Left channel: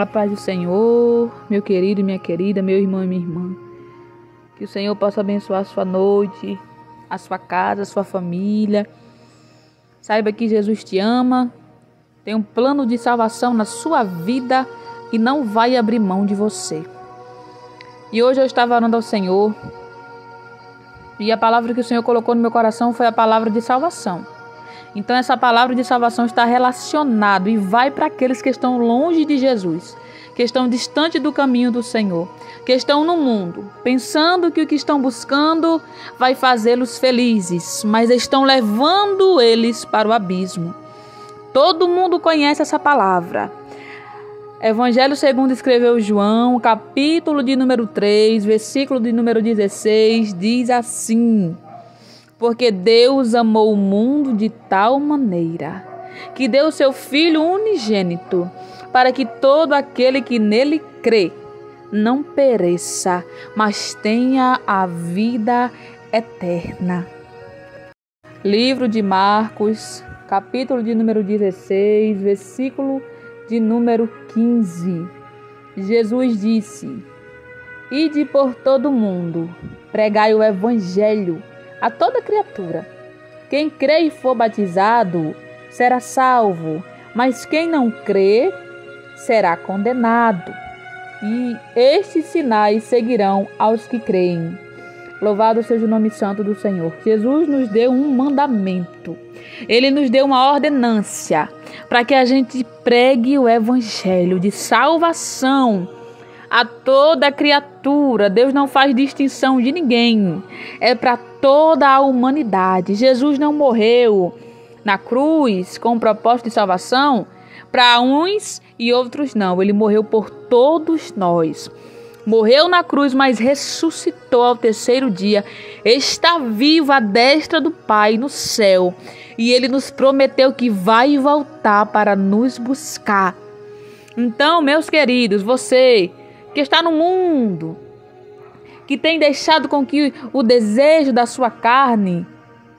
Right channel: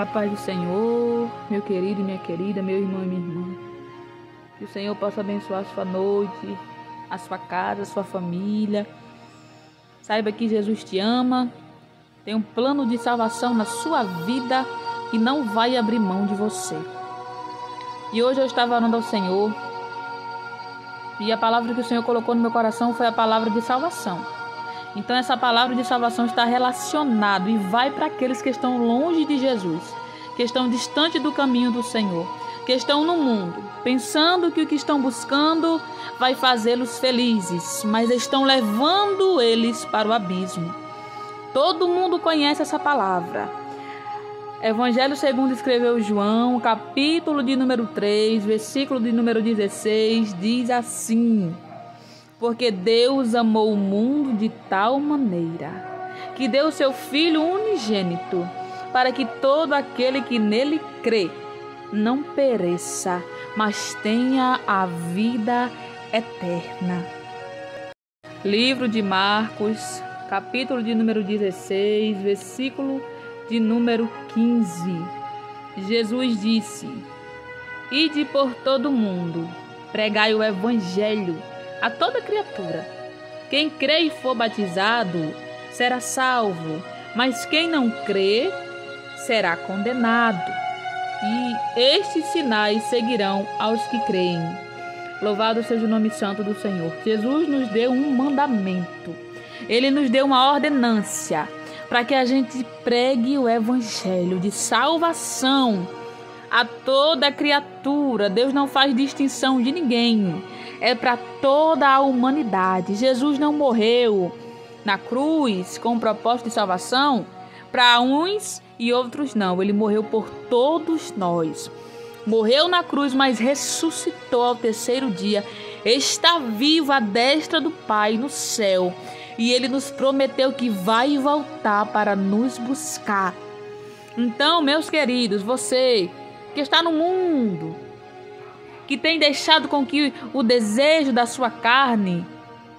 A paz do Senhor, meu querido e minha querida, meu irmão e minha irmã. Que o Senhor possa abençoar a sua noite, a sua casa, a sua família. Saiba que Jesus te ama, tem um plano de salvação na sua vida e não vai abrir mão de você. E hoje eu estava orando ao Senhor e a palavra que o Senhor colocou no meu coração foi a palavra de salvação. Então essa palavra de salvação está relacionada e vai para aqueles que estão longe de Jesus, que estão distante do caminho do Senhor, que estão no mundo, pensando que o que estão buscando vai fazê-los felizes, mas estão levando eles para o abismo. Todo mundo conhece essa palavra. Evangelho segundo escreveu João, capítulo de número 3, versículo de número 16, diz assim: porque Deus amou o mundo de tal maneira que deu seu Filho unigênito, para que todo aquele que nele crê não pereça, mas tenha a vida eterna. Livro de Marcos, capítulo de número 16, versículo de número 15. Jesus disse: ide por todo o mundo, pregai o evangelho a toda criatura. Quem crê e for batizado será salvo, mas quem não crê será condenado. E estes sinais seguirão aos que creem. Louvado seja o nome santo do Senhor. Jesus nos deu um mandamento. Ele nos deu uma ordenância para que a gente pregue o evangelho de salvação a toda criatura. Deus não faz distinção de ninguém. É para toda a humanidade. Jesus não morreu na cruz com o propósito de salvação para uns e outros não. Ele morreu por todos nós. Morreu na cruz, mas ressuscitou ao terceiro dia. Está vivo à destra do Pai no céu. E Ele nos prometeu que vai voltar para nos buscar. Então, meus queridos, você que está no mundo, que tem deixado com que o desejo da sua carne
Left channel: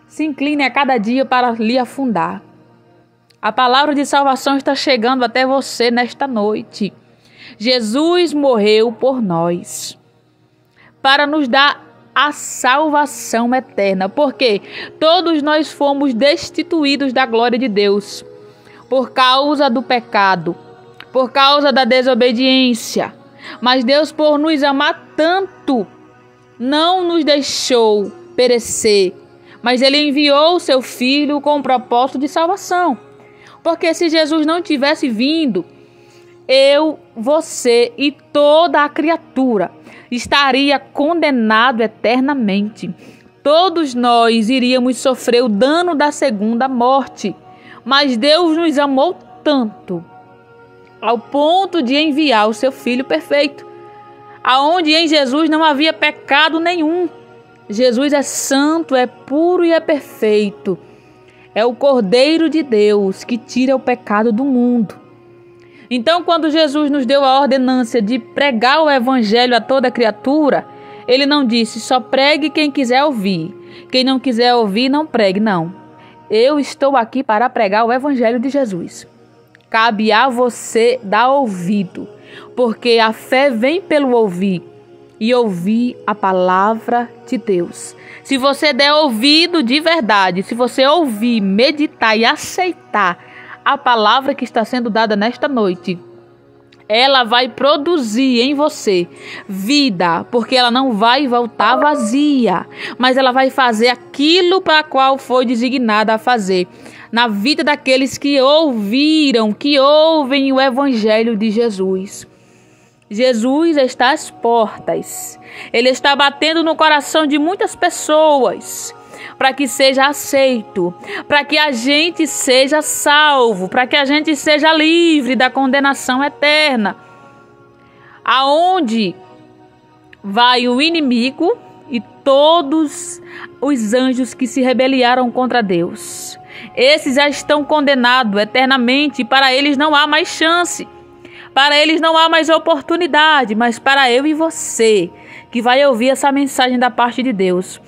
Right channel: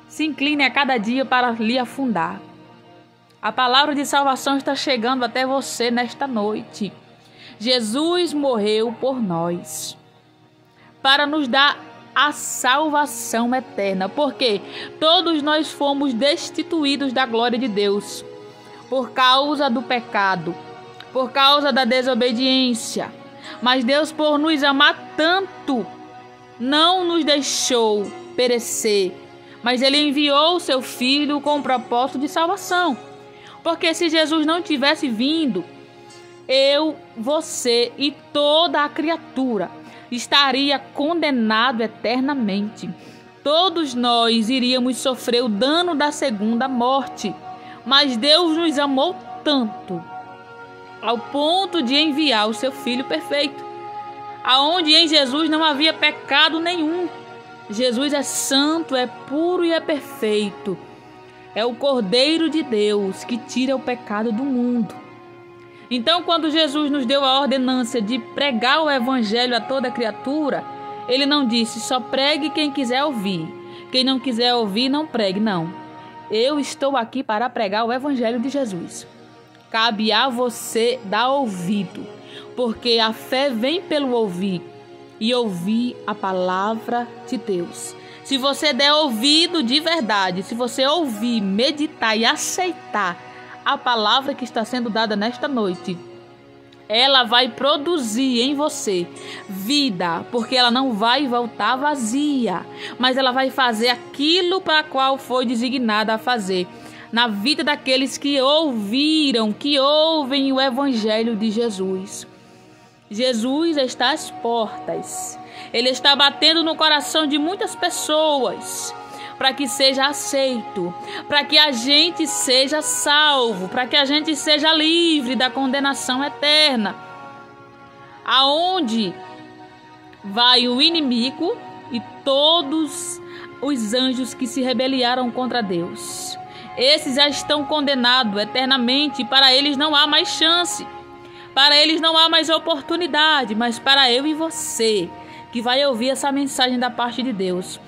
se incline a cada dia para lhe afundar. A palavra de salvação está chegando até você nesta noite. Jesus morreu por nós, para nos dar a salvação eterna, porque todos nós fomos destituídos da glória de Deus, por causa do pecado, por causa da desobediência. Mas Deus, por nos amar tanto, não nos deixou perecer, mas Ele enviou o seu Filho com o propósito de salvação. Porque se Jesus não tivesse vindo, eu, você e toda a criatura estaria condenado eternamente. Todos nós iríamos sofrer o dano da segunda morte. Mas Deus nos amou tanto, ao ponto de enviar o seu Filho perfeito, aonde em Jesus não havia pecado nenhum. Jesus é santo, é puro e é perfeito. É o Cordeiro de Deus que tira o pecado do mundo. Então, quando Jesus nos deu a ordenância de pregar o evangelho a toda criatura, Ele não disse só pregue quem quiser ouvir. Quem não quiser ouvir, não pregue, não. Eu estou aqui para pregar o evangelho de Jesus. Cabe a você dar ouvido, porque a fé vem pelo ouvir e ouvir a palavra de Deus. Se você der ouvido de verdade, se você ouvir, meditar e aceitar a palavra que está sendo dada nesta noite, ela vai produzir em você vida, porque ela não vai voltar vazia, mas ela vai fazer aquilo para qual foi designada a fazer na vida daqueles que ouviram, que ouvem o evangelho de Jesus. Jesus está às portas. Ele está batendo no coração de muitas pessoas para que seja aceito, para que a gente seja salvo, para que a gente seja livre da condenação eterna. Aonde vai o inimigo e todos os anjos que se rebelaram contra Deus? Esses já estão condenados eternamente e para eles não há mais chance. Para eles não há mais oportunidade, mas para eu e você, que vai ouvir essa mensagem da parte de Deus,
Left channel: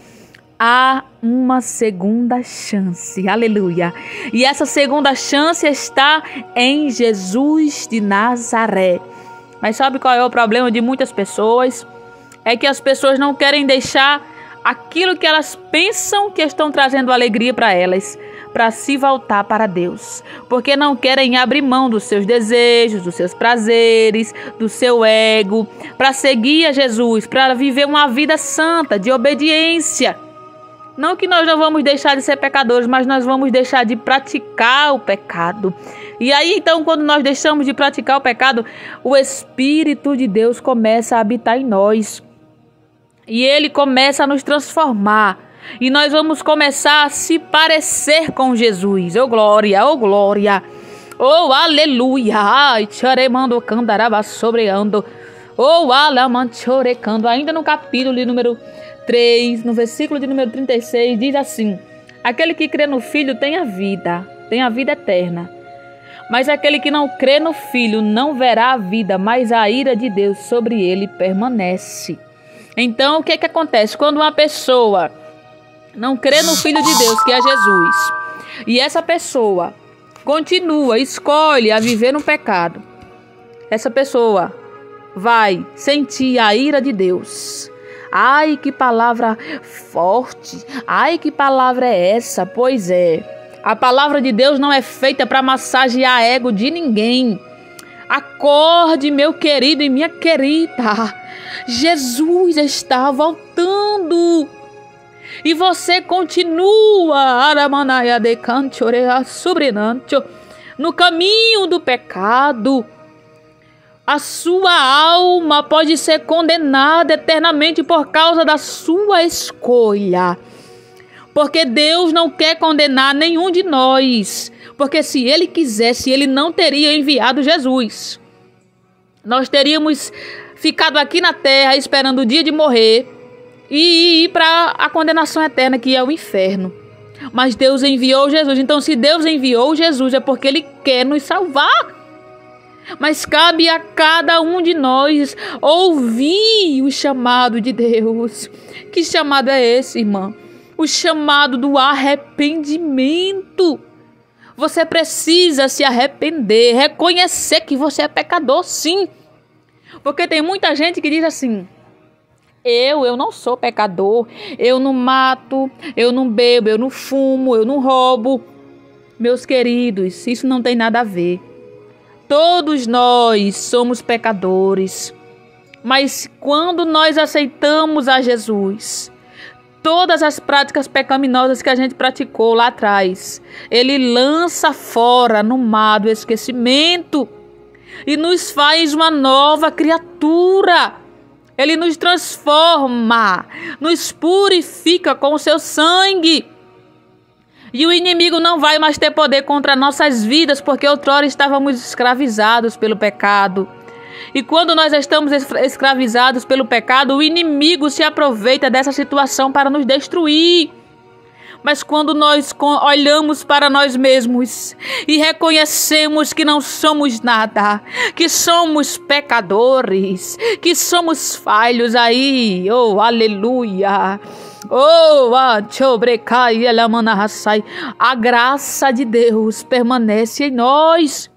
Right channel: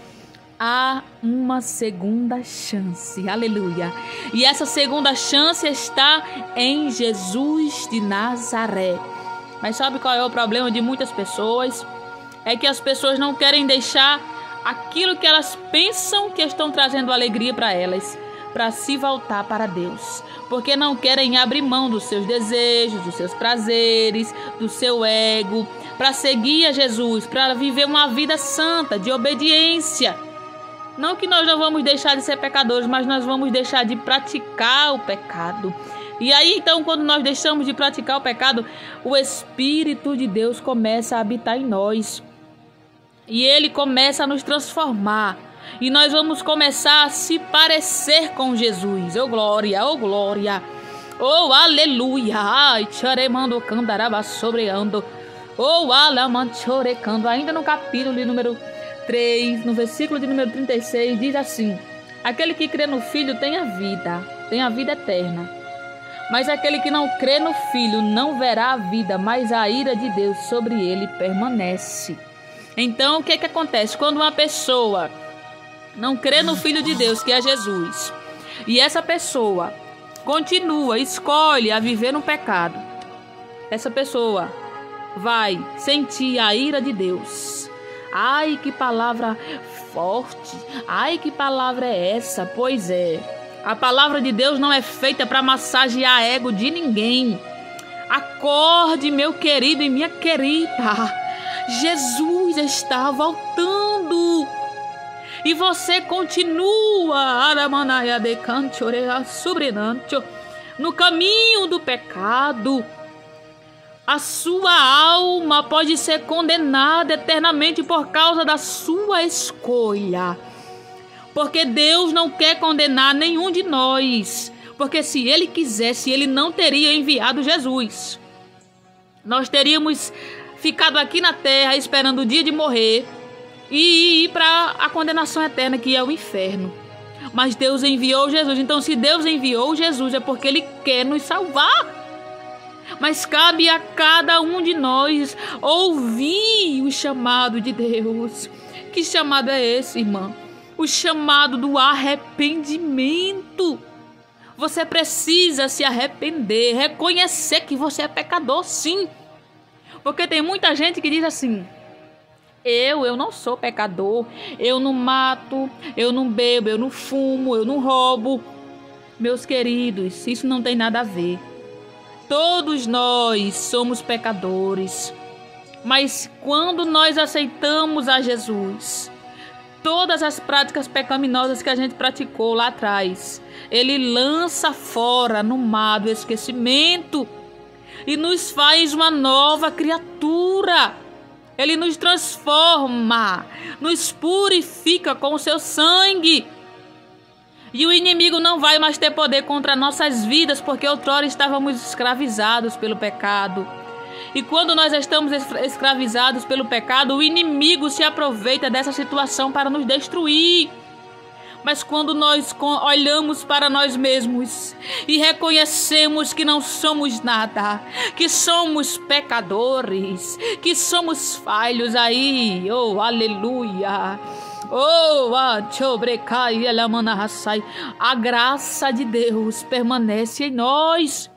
há uma segunda chance. Aleluia. E essa segunda chance está em Jesus de Nazaré. Mas sabe qual é o problema de muitas pessoas? É que as pessoas não querem deixar aquilo que elas pensam que estão trazendo alegria para elas, para se voltar para Deus. Porque não querem abrir mão dos seus desejos, dos seus prazeres, do seu ego, para seguir a Jesus, para viver uma vida santa, de obediência. Não que nós não vamos deixar de ser pecadores, mas nós vamos deixar de praticar o pecado. E aí, então, quando nós deixamos de praticar o pecado, o Espírito de Deus começa a habitar em nós. E Ele começa a nos transformar. E nós vamos começar a se parecer com Jesus. Oh, glória, oh, glória. Oh, aleluia. Ai, charemando candaraba sobreando. Oh, alamanchorecando. Ainda no capítulo de número 3, no versículo de número 36, diz assim: aquele que crê no Filho tem a vida eterna. Mas aquele que não crê no Filho não verá a vida, mas a ira de Deus sobre ele permanece. Então, o que acontece? Quando uma pessoa não crê no Filho de Deus, que é Jesus, e essa pessoa continua, escolhe a viver no pecado, essa pessoa vai sentir a ira de Deus. Ai, que palavra forte! Ai, que palavra é essa? Pois é, a palavra de Deus não é feita para massagear ego de ninguém. Acorde, meu querido e minha querida. Jesus está voltando. E você continua no caminho do pecado. A sua alma pode ser condenada eternamente por causa da sua escolha. Porque Deus não quer condenar nenhum de nós. Porque se Ele quisesse, Ele não teria enviado Jesus. Nós teríamos ficado aqui na terra esperando o dia de morrer e ir para a condenação eterna, que é o inferno. Mas Deus enviou Jesus. Então, se Deus enviou Jesus, é porque Ele quer nos salvar. Mas cabe a cada um de nós ouvir o chamado de Deus. Que chamado é esse, irmã? O chamado do arrependimento. Você precisa se arrepender, reconhecer que você é pecador, sim. Porque tem muita gente que diz assim: eu não sou pecador, eu não mato, eu não bebo, eu não fumo, eu não roubo. Meus queridos, isso não tem nada a ver. Todos nós somos pecadores, mas quando nós aceitamos a Jesus, todas as práticas pecaminosas que a gente praticou lá atrás, Ele lança fora no mar do esquecimento e nos faz uma nova criatura. Ele nos transforma, nos purifica com o seu sangue. E o inimigo não vai mais ter poder contra nossas vidas, porque outrora estávamos escravizados pelo pecado. E quando nós estamos escravizados pelo pecado, o inimigo se aproveita dessa situação para nos destruir. Mas quando nós olhamos para nós mesmos e reconhecemos que não somos nada, que somos pecadores, que somos falhos aí, oh, aleluia! Oh, a graça de Deus permanece em nós.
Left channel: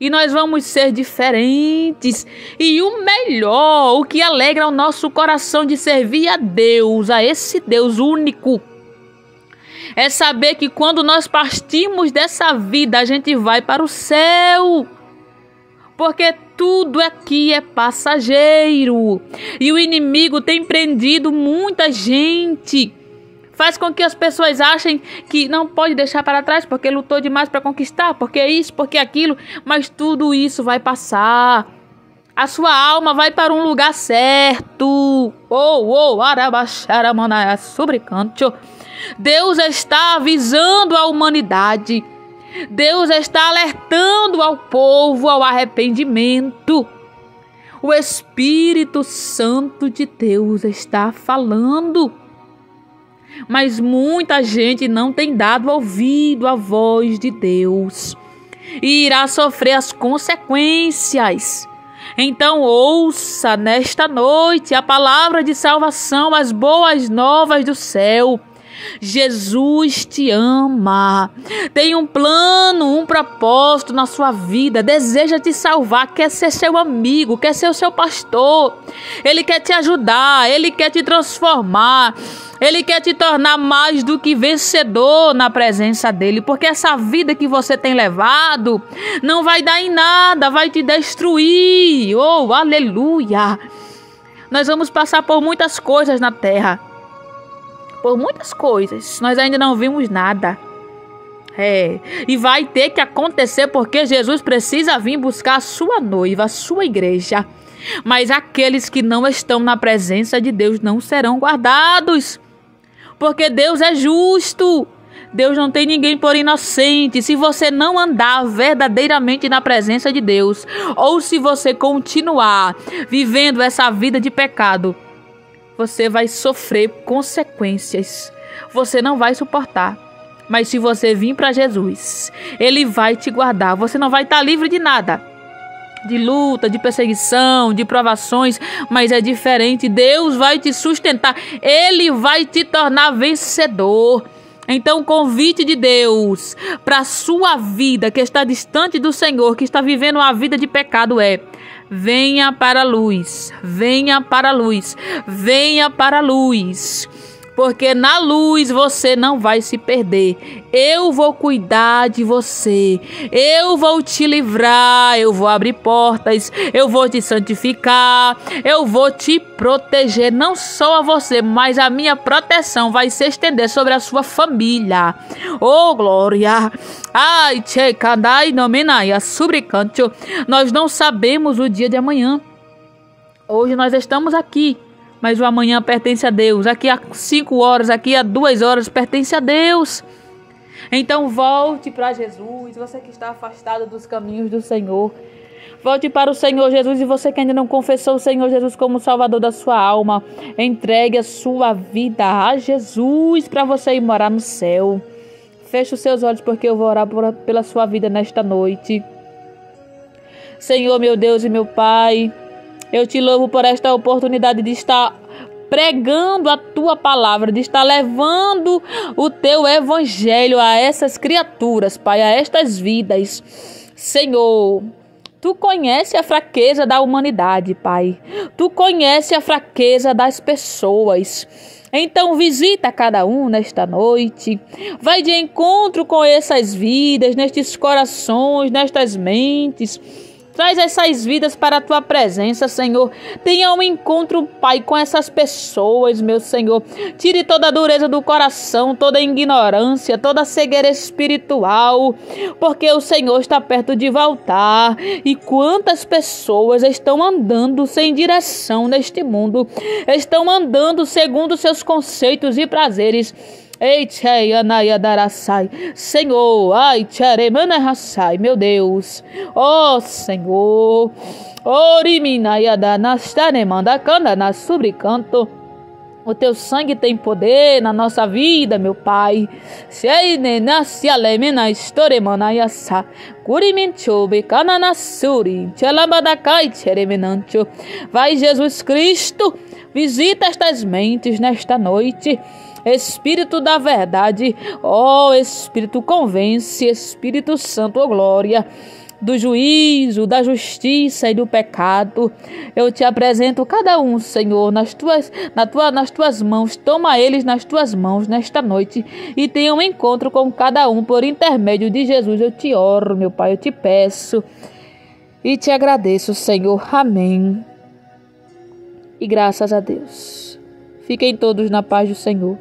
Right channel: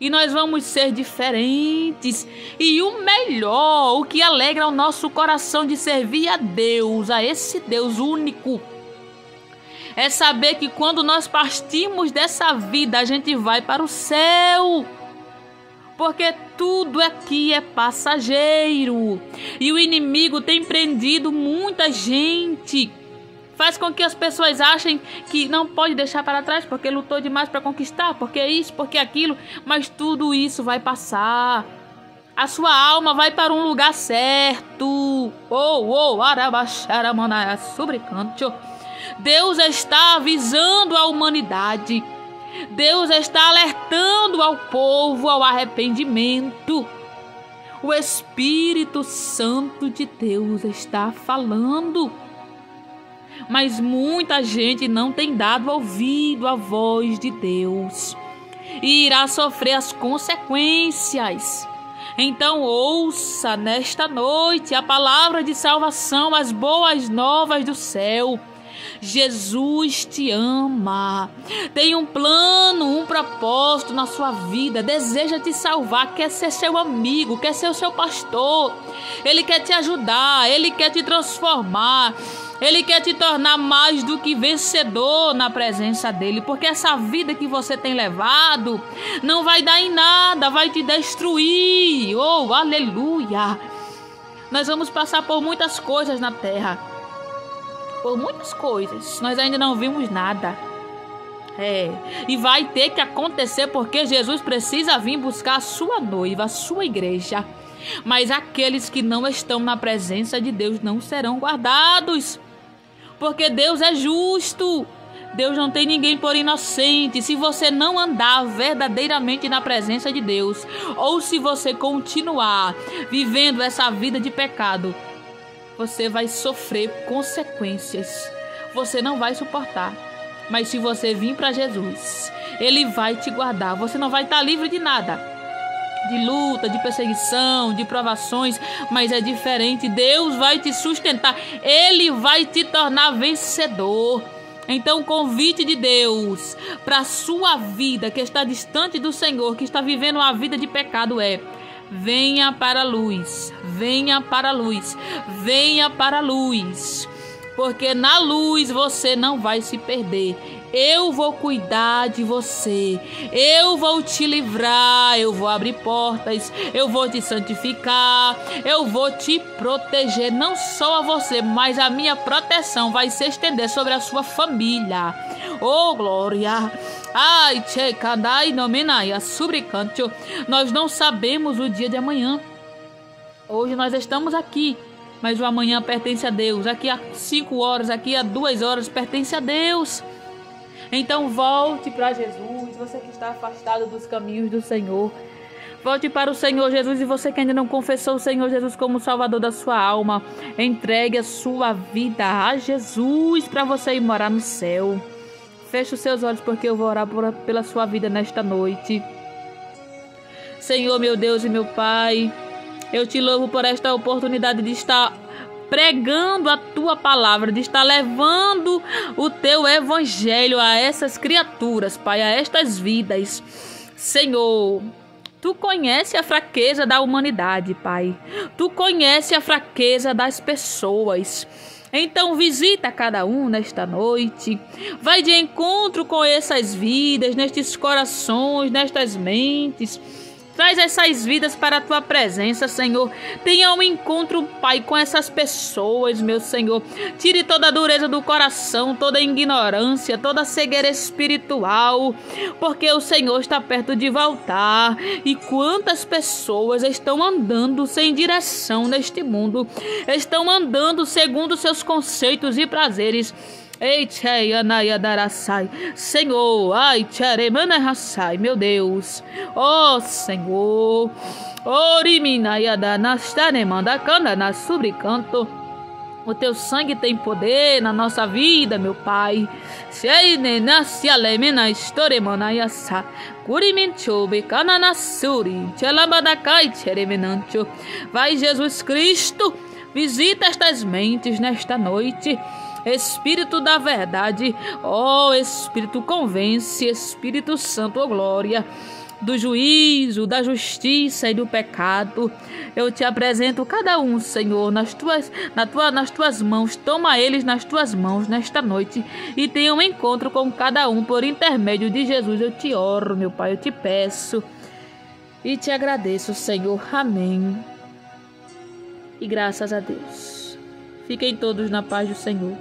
E nós vamos ser diferentes. E o melhor, o que alegra o nosso coração de servir a Deus, a esse Deus único, é saber que quando nós partimos dessa vida, a gente vai para o céu. Porque tudo aqui é passageiro. E o inimigo tem prendido muita gente. Faz com que as pessoas achem que não pode deixar para trás, porque lutou demais para conquistar, porque isso, porque aquilo. Mas tudo isso vai passar. A sua alma vai para um lugar certo. Deus está avisando a humanidade. Deus está alertando ao povo ao arrependimento. O Espírito Santo de Deus está falando. Mas muita gente não tem dado ouvido à voz de Deus e irá sofrer as consequências. Então ouça nesta noite a palavra de salvação, as boas novas do céu. Jesus te ama, tem um plano, um propósito na sua vida, deseja te salvar, quer ser seu amigo, quer ser o seu pastor. Ele quer te ajudar, ele quer te transformar, ele quer te tornar mais do que vencedor na presença dele, porque essa vida que você tem levado não vai dar em nada, vai te destruir. Oh, aleluia! Nós vamos passar por muitas coisas na terra, por muitas coisas, nós ainda não vimos nada. E vai ter que acontecer, porque Jesus precisa vir buscar a sua noiva, a sua igreja. Mas aqueles que não estão na presença de Deus não serão guardados, porque Deus é justo. Deus não tem ninguém por inocente. Se você não andar verdadeiramente na presença de Deus, ou se você continuar vivendo essa vida de pecado, você vai sofrer consequências. Você não vai suportar. Mas se você vir para Jesus, Ele vai te guardar. Você não vai estar livre de nada, de luta, de perseguição, de provações, mas é diferente. Deus vai te sustentar. Ele vai te tornar vencedor. Então o convite de Deus para a sua vida que está distante do Senhor, que está vivendo uma vida de pecado, é: venha para a luz, venha para a luz, venha para a luz, porque na luz você não vai se perder. Eu vou cuidar de você, eu vou te livrar, eu vou abrir portas, eu vou te santificar, eu vou te proteger, não só a você, mas a minha proteção vai se estender sobre a sua família. Oh, glória! Ai, tchekadai nomenaia subricanto. Nós não sabemos o dia de amanhã. Hoje nós estamos aqui, mas o amanhã pertence a Deus. Aqui a 5 horas, aqui a 2 horas pertence a Deus. Então volte para Jesus, você que está afastado dos caminhos do Senhor. Volte para o Senhor Jesus, e você que ainda não confessou o Senhor Jesus como Salvador da sua alma, entregue a sua vida a Jesus para você ir morar no céu. Feche os seus olhos, porque eu vou orar pela sua vida nesta noite. Senhor, meu Deus e meu Pai, eu te louvo por esta oportunidade de estar pregando a tua palavra, de estar levando o teu evangelho a essas criaturas, Pai, a estas vidas. Senhor, tu conhece a fraqueza da humanidade, Pai. Tu conhece a fraqueza das pessoas. Então visita cada um nesta noite. Vai de encontro com essas vidas, nestes corações, nestas mentes. Traz essas vidas para a tua presença, Senhor. Tenha um encontro, Pai, com essas pessoas, meu Senhor. Tire toda a dureza do coração, toda a ignorância, toda a cegueira espiritual, porque o Senhor está perto de voltar. E quantas pessoas estão andando sem direção neste mundo, estão andando segundo seus conceitos e prazeres. Senhor, meu Deus, ó Senhor, o teu sangue tem poder na nossa vida, meu Pai. Vai, Jesus Cristo, visita estas mentes nesta noite. Espírito da verdade, ó Espírito, convence, Espírito Santo, ó glória, do juízo, da justiça e do pecado. Eu te apresento cada um, Senhor, nas tuas mãos. Toma eles nas tuas mãos nesta noite e tenha um encontro com cada um por intermédio de Jesus. Eu te oro, meu Pai, eu te peço e te agradeço, Senhor. Amém. E graças a Deus. Fiquem todos na paz do Senhor.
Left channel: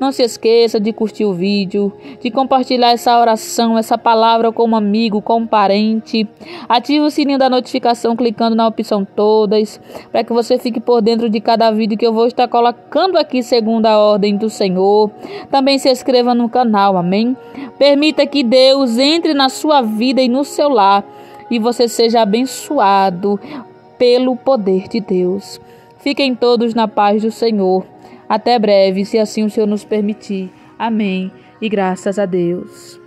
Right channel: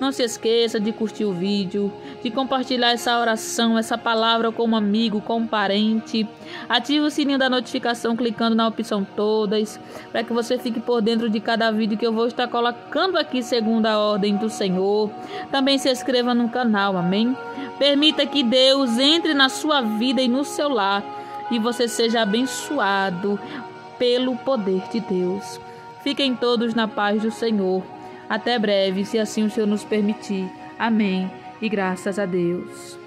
Não se esqueça de curtir o vídeo, de compartilhar essa oração, essa palavra com um amigo, com um parente. Ative o sininho da notificação clicando na opção todas, para que você fique por dentro de cada vídeo que eu vou estar colocando aqui segundo a ordem do Senhor. Também se inscreva no canal, amém? Permita que Deus entre na sua vida e no seu lar e você seja abençoado pelo poder de Deus. Fiquem todos na paz do Senhor. Até breve, se assim o Senhor nos permitir. Amém. E graças a Deus.